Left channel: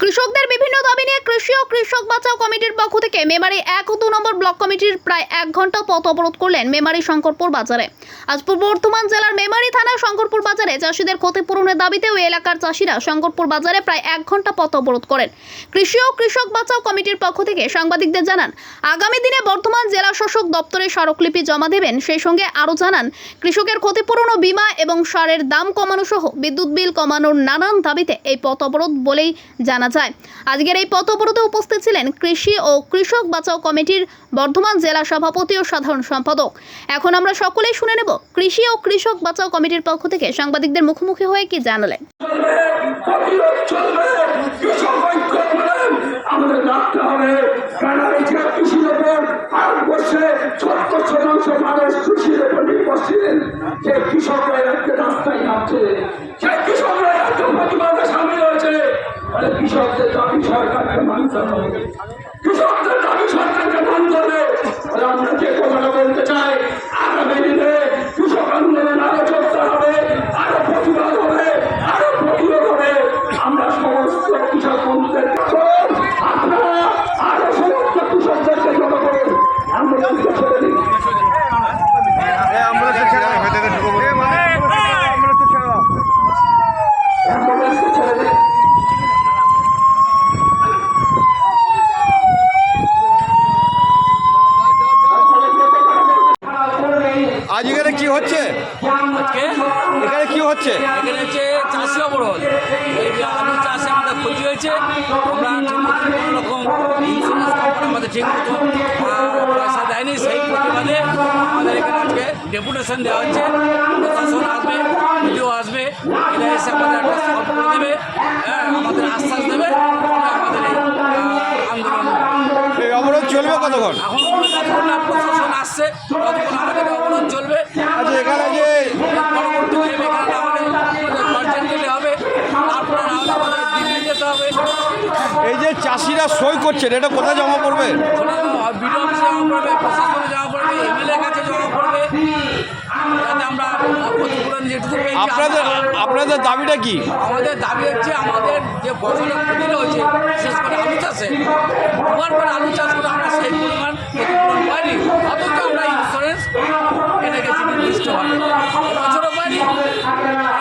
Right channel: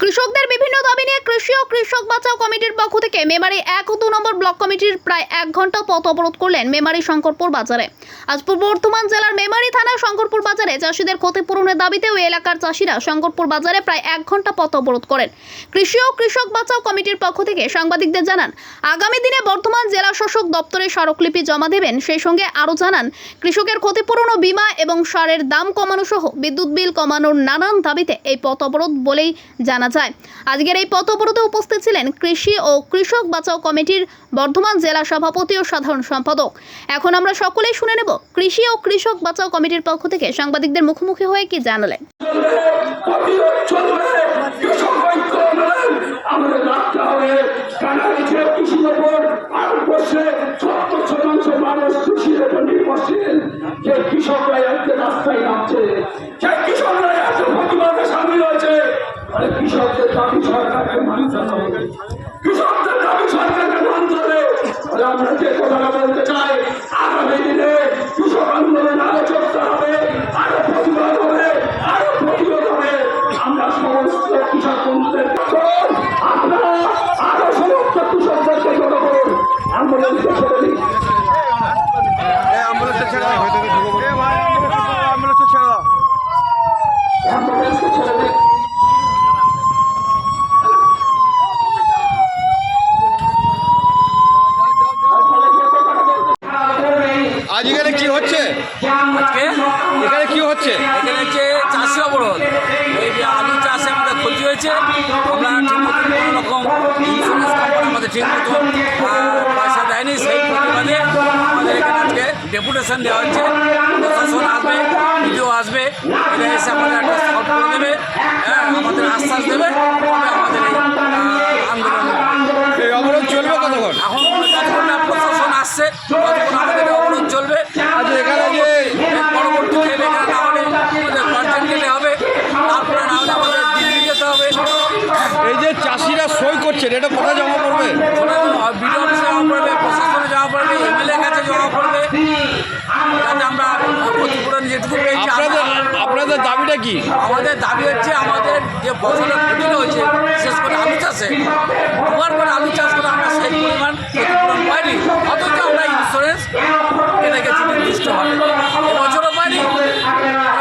কৃষকদের বিভিন্ন দাবি নিয়ে কৃষি ও কৃষক বাঁচাও কমিটির পক্ষ থেকে মেমারি এক ও দু নম্বর ব্লক কমিটির প্রায় এক ঘণ্টা পথ অবরোধ করলেন মেমারি শঙ্করপুর বাজারে। আজ পূর্ব বর্ধমান জেলার মেমারি থানা শঙ্করপুর বাজারে চাষিদের ক্ষতিপূরণের দাবিতে ওই এলাকার চাষিরা শঙ্করপুর বাজারে প্রায় এক ঘণ্টা পথ অবরোধ করেন। কৃষি ও কৃষক বাঁচাও কমিটির পক্ষ থেকে সাংবাদিকদের জানান, আগামী দিনে বর্ধমান জেলা শাসক দপ্তরে স্মারকলিপি জমা দেবেন। সেই সঙ্গে আরও জানান, কৃষকের ক্ষতিপূরণ ও বীমা এবং সারের দাম কমানো সহ বিদ্যুৎ বিল কমানোর নানান দাবিতে এই পথ অবরোধ বলেই জানা যায়। আজকের এই পথ অবরোধে উপস্থিত ছিলেন কৃষি ও কৃষক বাঁচাও কমিটির বর্ধমান জেলা সভাপতি ও সাধারণ সম্পাদক। এখন আমরা সকলেই শুনে নেব কৃষি ও কৃষক বাঁচাও কমিটির পক্ষ থেকে সাংবাদিকদের মুখোমুখি হয়ে কি জানালেন প্রতিরোধ চলবে কৃষক ঐক্য আন্দোলন আমাদের রাখতে হবে কারণ এই যে কৃষির ওপর ভারতবর্ষে সত্তর শতাংশ মানুষ কৃষির ওপর নির্ভরশীল যে কৃষকরা আজকে রাস্তায় নামছে সেই কৃষকরা এত প্রতিবাদে সামিল হয়েছে আরে কৃষকদের দাবি সরকারকে মানতে হবে কৃষকদের দাবি সরকারকে মানতে হবে আরে আমরা যে কথাটা বলতে চাই আগামী দিনে কৃষক আন্দোলন আরও চলতে হবে আরও প্রতিবাদ হবে আরও প্রতিরোধ হবে আমরা সমস্ত কৃষক বন্ধুদের আপনারা আরও সমস্ত কৃষকদেরকে জমা করুন আন্দোলনকে ছেড়ে দিন অ্যাম্বুলেন্সটা ছেড়ে দাও হয়তো ঢুকবো অ্যাম্বুলেন্সটা ছেড়ে দাও আন্দোলনকে ছেড়ে দিন আজ এখানে কি হচ্ছে? আজকে? এখানে কি হচ্ছে? এখানে হচ্ছে চাষি অবরোধ। এই যে আলু চাষে আমাদের ক্ষতি হয়েছে। আমরা কোনো রকম ইন্স্যুরেন্স কোম্পানি আমাদের ঠিক মতো পয়সা দেয়নি। সেই প্রতিবাদে আমাদের এখানে আজকে ডেপুটেশন দেওয়া হচ্ছে। প্রশাসন আসবে ভিডিও আসবে। এটা এসে আমাদের একটা সলভ করে দেবে। হ্যাঁ আমাদের আশ্বাস দেবে। তবে আমাদের এই আন্দোলন। এই অবরোধ চলবে কতক্ষণ? এখন যতক্ষণ না প্রশাসন আসছে ততক্ষণ আমাদের এই যে চাষিরা সই করছেন এটা কোথায় জমা পড়বে? বিডিও অফিসে জমা পড়বে প্রশাসনে জমা পড়বে এমএলএ কাছে জমা পড়বে। যাতে আমরা ক্ষতিপূরণ যেটুকু পেয়েছি আপনাদের আপনাদের দাবিটা কি? আমাদের দাবি হচ্ছে আমাদের যে বছরের ক্ষতিটা হয়েছে বিশেষ করে আলু চাষে দুবার করে আলু চাষ করে আমরা সেই পরিমাণ ক্ষতিপূরণ পাইনি। অথচ আমরা ইন্স্যুরেন্স কেটে গেছি নির্দিষ্টভাবে এবছরও পাইনি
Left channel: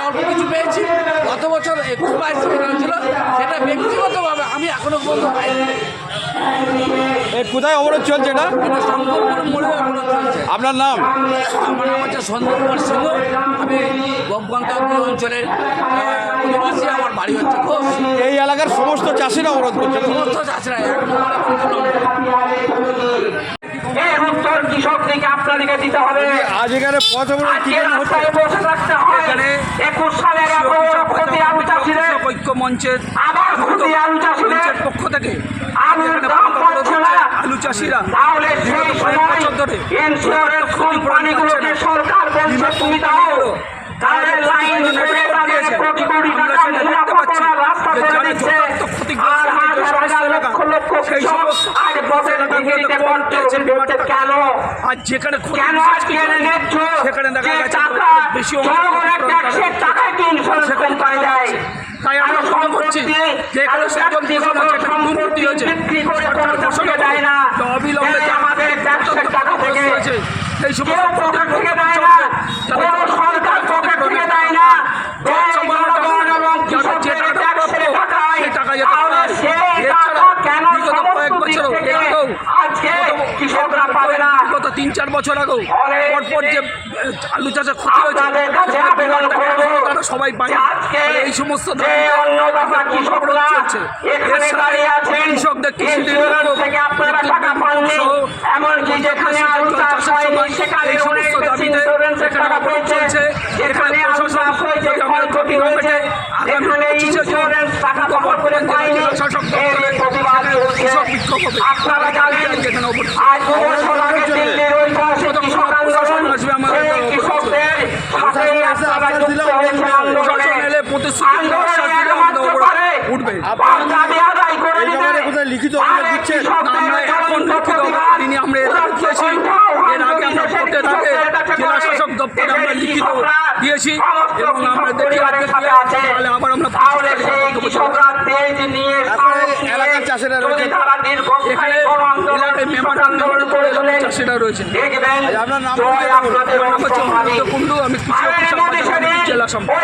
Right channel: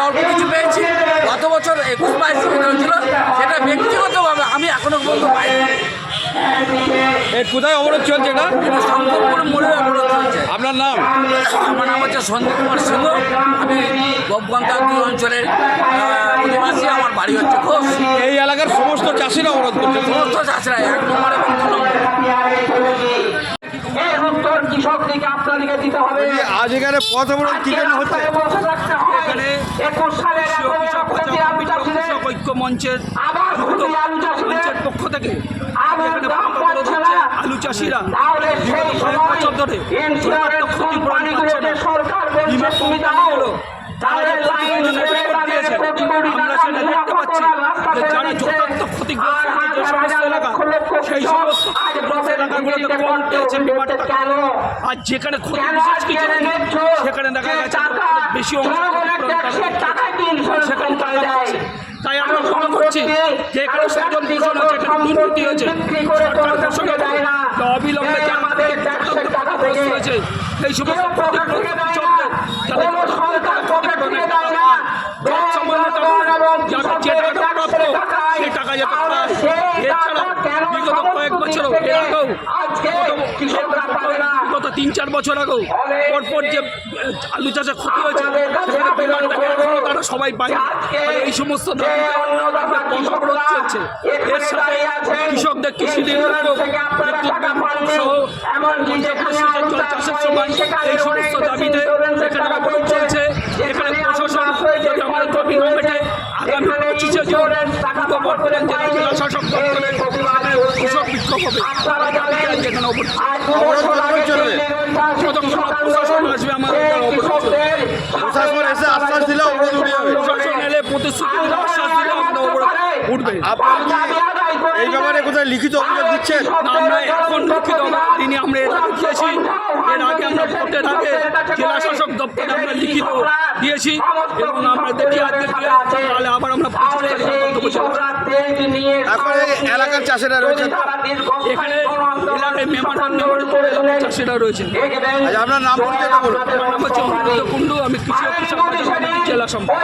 অল্প কিছু পেয়েছি। গত বছর একুশ বাইশ যেটা হয়েছিল সেটা ব্যক্তিগতভাবে আমি এখনও পর্যন্ত পাইনি। এ কোথায় অবরোধ চলছে এটা? এটা শঙ্করপুর মোড়ে অবরোধ চলছে। আপনার নাম? আমার নাম হচ্ছে সন্দীপ কুমার সিংহ। আমি গোপগন্তান্ত্রিক অঞ্চলের অধিবাসী। আমার বাড়ি হচ্ছে ঘোষ। এই এলাকার সমস্ত চাষিরা অবরোধ করছে সমস্ত চাষিরা এক নম্বর এবং দু নম্বর। এর আপনাদেরকে দিতে হবে। আজ এখানে পথ অবরোধ কি জন্য হচ্ছে। এখানে একুশ সালের এগারো ক্ষতি আলু চাষিদের কৃষক ঐক্য মঞ্চের মঞ্চের পক্ষ থেকে এখানে। আলু চাষিরা বিগত কয়েক বছর ধরে ক্ষতিপূরণ পাচ্ছে না। বিমা কোম্পানিগুলো তারা যে দিয়েছে। আমরা সেটা দেখতে পাচ্ছি। যে যারা যথার্থ ক্ষতিগ্রস্ত যে সমস্ত এলাকা লক্ষ লক্ষ সেই সমস্ত ক্ষতিগ্রস্ত এলাকাগুলোতে কম পেয়েছে বিমার টাকা আর যেখানে ক্ষতি সেখানে দেখা গেছে বেশি অংশ জনগণের ক্ষতিপূরণ তারা ট্যাক্সের টাকায় কি ইন্স্যুরেন্স সেখানে কোম্পানি টাকা দেয়? পাচ্ছে। তাই আমরা আর মনে করছি সম্পত্তি, যে এখানে যেটা দুর্নীতি হয়েছে সরকার ঘোষণা দেয় না। অবিলম্বে এই যারা আমাদের টাকা থেকে সেই সমস্ত পকেট থেকে দেয়। না। সরকার পকেট থেকে দেয় না। এই টাকা জনগণ এবং যারা যে কৃষকদের টাকাটা প্রাপ্য ট্যাক্সের টাকায় সেই টাকা যাতে তাহলে পায় এছাড়া বিগত কয়েক সমস্ত দিক কৃষকরা পাবে না। বিগত তিন চার বছর আগেও। পরপর যে আলু চাষে ক্ষতি হয়েছে তারা সবাই পায় এই সমস্ত কৃষকরা চলছে। এর সাথে কৃষকদের কৃষি ইন্স্যুরেন্স থেকে আপনারা টাকা পাননি, এমনকি যেখানে আলু চাষ হয়নি, সেখানে এই সমস্ত দাবিতে এখানে অবরোধ চলছে। এখানে প্রশাসন যদি আমাদের আগামী পঁচিশে জুন ইন্স্যুরেন্স টাকা বিক্ষোভ হবে আপনারা জানেন, অবরোধ কতক্ষণ চলবে? যতক্ষণ প্রশাসন আসবে আমাদের অবরোধ প্রশাসন এসে আশ্বাস দিলে অবরোধ। প্রশাসন এলে প্রতিশ্রুতি আশ্বাস দিলে উঠবে। এই ব্যাপারে কোথায় লিখিত অভিযোগ দিচ্ছেন আমরা এখন লিখিত তিনি আমরা এর আগে দিয়েছি এর আগে আমরা ভোটের আগে জেলা শাসক দপ্তরে আমরা লিখিত দিয়েছি এবং আমরা দেখি আজকে তাহলে আবার আমরা। এখন এলাকার চাষিরা রয়েছেন এখানে এলাকায় মেম্বার মেম্বারের পরে এলাকার চাষিরা রয়েছে আচ্ছা আপনার নাম পরিচয়টা বলুন। আমার নাম হচ্ছে কুণ্ডু আমি কৃষি কৃষক জেলা সম্পাদক।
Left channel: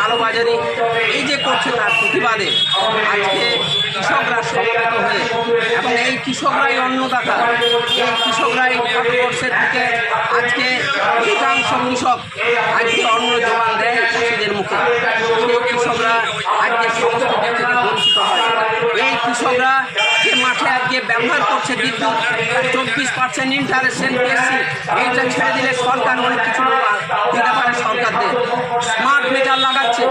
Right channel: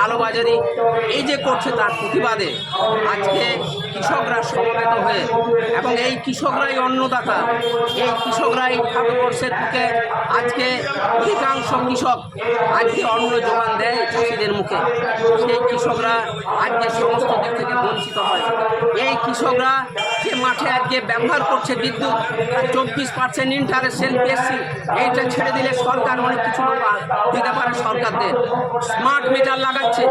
কালোবাজারি, এই যে করছে তার প্রতিবাদে আজকে কৃষকরা সমবেত হয়ে, এবং এই কৃষকরাই অন্নদাতা, এই কৃষকরাই ভারতবর্ষের দিকে আজকে অধিকাংশ কৃষক আজকে অন্ন যোগান দেয় চাষিদের মুখে। সেই কৃষকরা আজকে সমস্ত দিক বঞ্চিত হয়। এই কৃষকরা মাঠে আজকে ব্যবহার করছে বিদ্যুৎ। চব্বিশ পার্সেন্ট ইন্টারেস্ট বেশি। এইটা ছেড়ে দিলে সরকার অনেক কিছু দিতে পারে সরকারদের। স্মার্ট মিটার লাগাচ্ছে।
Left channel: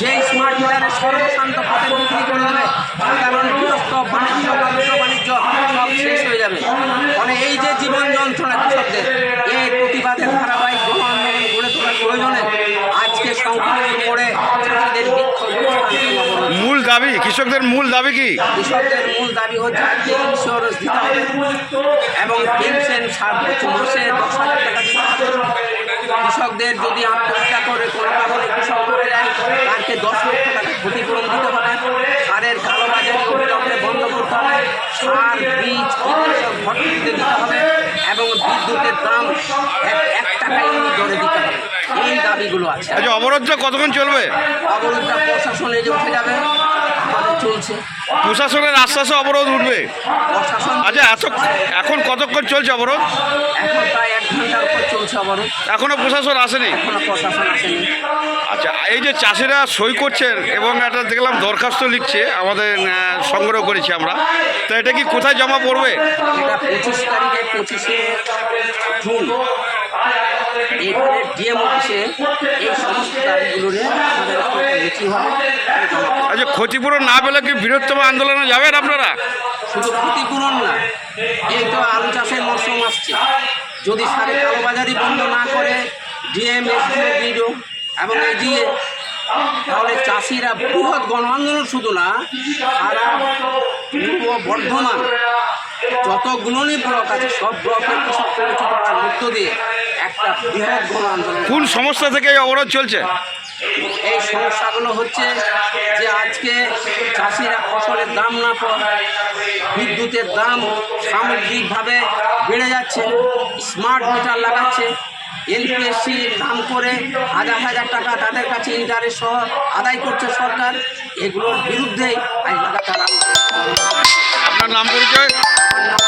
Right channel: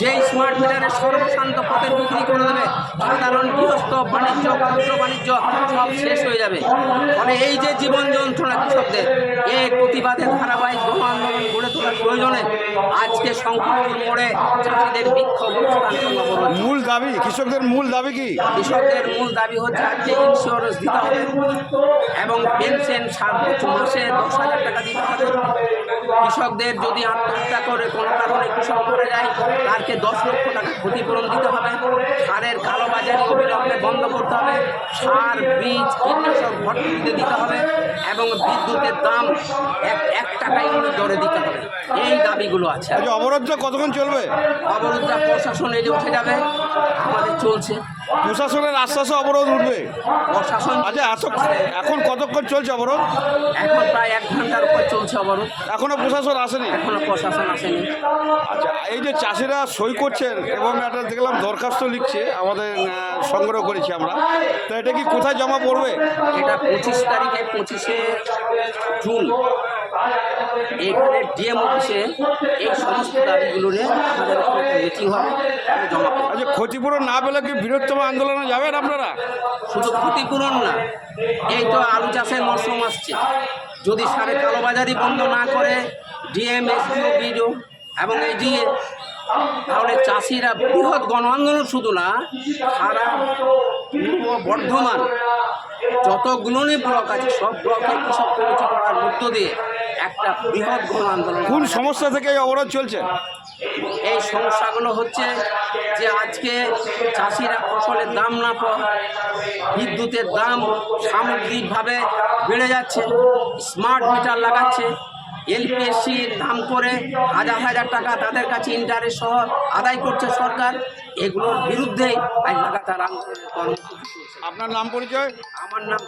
যেই স্মার্ট মিটারে সর্বশান্ত পথে বিক্রি করে দেবে সাধারণ গৃহস্থ, বাণিজ্য ক্ষুদ্র বাণিজ্য সব শেষ হয়ে যাবে। মানে এই যে জীবন যন্ত্রণা কৃষকদের, এই প্রতিবাদের গণ আন্দোলন গড়ে তোলার প্রয়োজনে আজকে সংকল্প মোড়ে চাষিদের বিক্ষোভ অবস্থান এবং অবরোধ মূল দাবি কৃষকদের মূল দাবি কি? কৃষকদের মূল দাবি হচ্ছে আজকে ইন্স্যুরেন্স দিতে হবে। এবং পেনশন মাসে দশ হাজার টাকা দিতে হবে। কৃষকদের যদি আত্মহত্যা করে কোনো কারণে কৃষক মরে যায় তাকে দশ লক্ষ টাকা ক্ষতিপূরণ দিতে হবে। সারের কালোবাজারি অবিলম্বে বন্ধ করতে হবে। সার বীজ কীটনাশক ভর্তিতে দিতে হবে। এবং বিদ্যুতের দাম এক এক টাকা ইউনিট দরে দিতে হবে। এই দাবিগুলো আছে। আচ্ছা অবরোধটা কতক্ষণ চলবে? অবরোধটা প্রশাসনে যে উঠে যাবে আমাদের চলছে। প্রশাসনের আশ্বাসে অবরোধ উঠবে? প্রশাসন আচ্ছা এত এখন কতক্ষণ চলছে অবরোধ? এখন প্রায় এক ঘণ্টার উপর চলছে অবরোধ। এখনও প্রশাসন আসেনি? এখনও প্রশাসন আসেনি। আচ্ছা এই যে চাষিরা সই করছেন এবং একটা দেখলাম দরখাস্ত লিখছে আমাদের আহ, সংগ্রহ করেছি আমরা। তো এটা কি কোথায় জমা পড়বে? এটা পঁচিশ তারিখে পঁচিশে জুন। এখানে ডিএম অফিসে এই সমস্ত দাবিগুলো নিয়ে আমাদের মিটিং। আচ্ছা ক্ষতিপূরণ না পেলে কি বৃহত্তম আন্দোলনে যাবেন আপনারা শুধু ক্ষতিপূরণ না এই তো আলু চাষের মরশুম আসছে যদি সারে কালোবাজারি বন্ধ না করে ডিএম এসডিও বিডিও এবং এডিএ তাহলে চাষিরা বৃহৎ গণ আন্দোলন শুধু না সারা পূর্ব বর্ধমান যতগুলোই ব্লক আছে সব ব্লকের কৃষক পরিচিত মধ্য দিয়ে একটা বৃহৎ গণ আন্দোলন কোন সংস্থা থেকে এই অবরোধ চলছে? এই সমস্যাগুলো হচ্ছে যে আজকে চাষিরা ফসলের দাম না পাওয়া বিদ্যুতের দাম সামগ্রিকভাবে বেড়ে যাচ্ছে স্মার্ট মিটার লাগাচ্ছে এলপিএসসি দাম করে হাজার হাজার টাকা তাদের কাছে ইন্টারেস্ট সহ আদায় করছে সরকার। এগুলোর বিরুদ্ধে আজ লাগাতার আপনার নাম পরিচয়? আমার নাম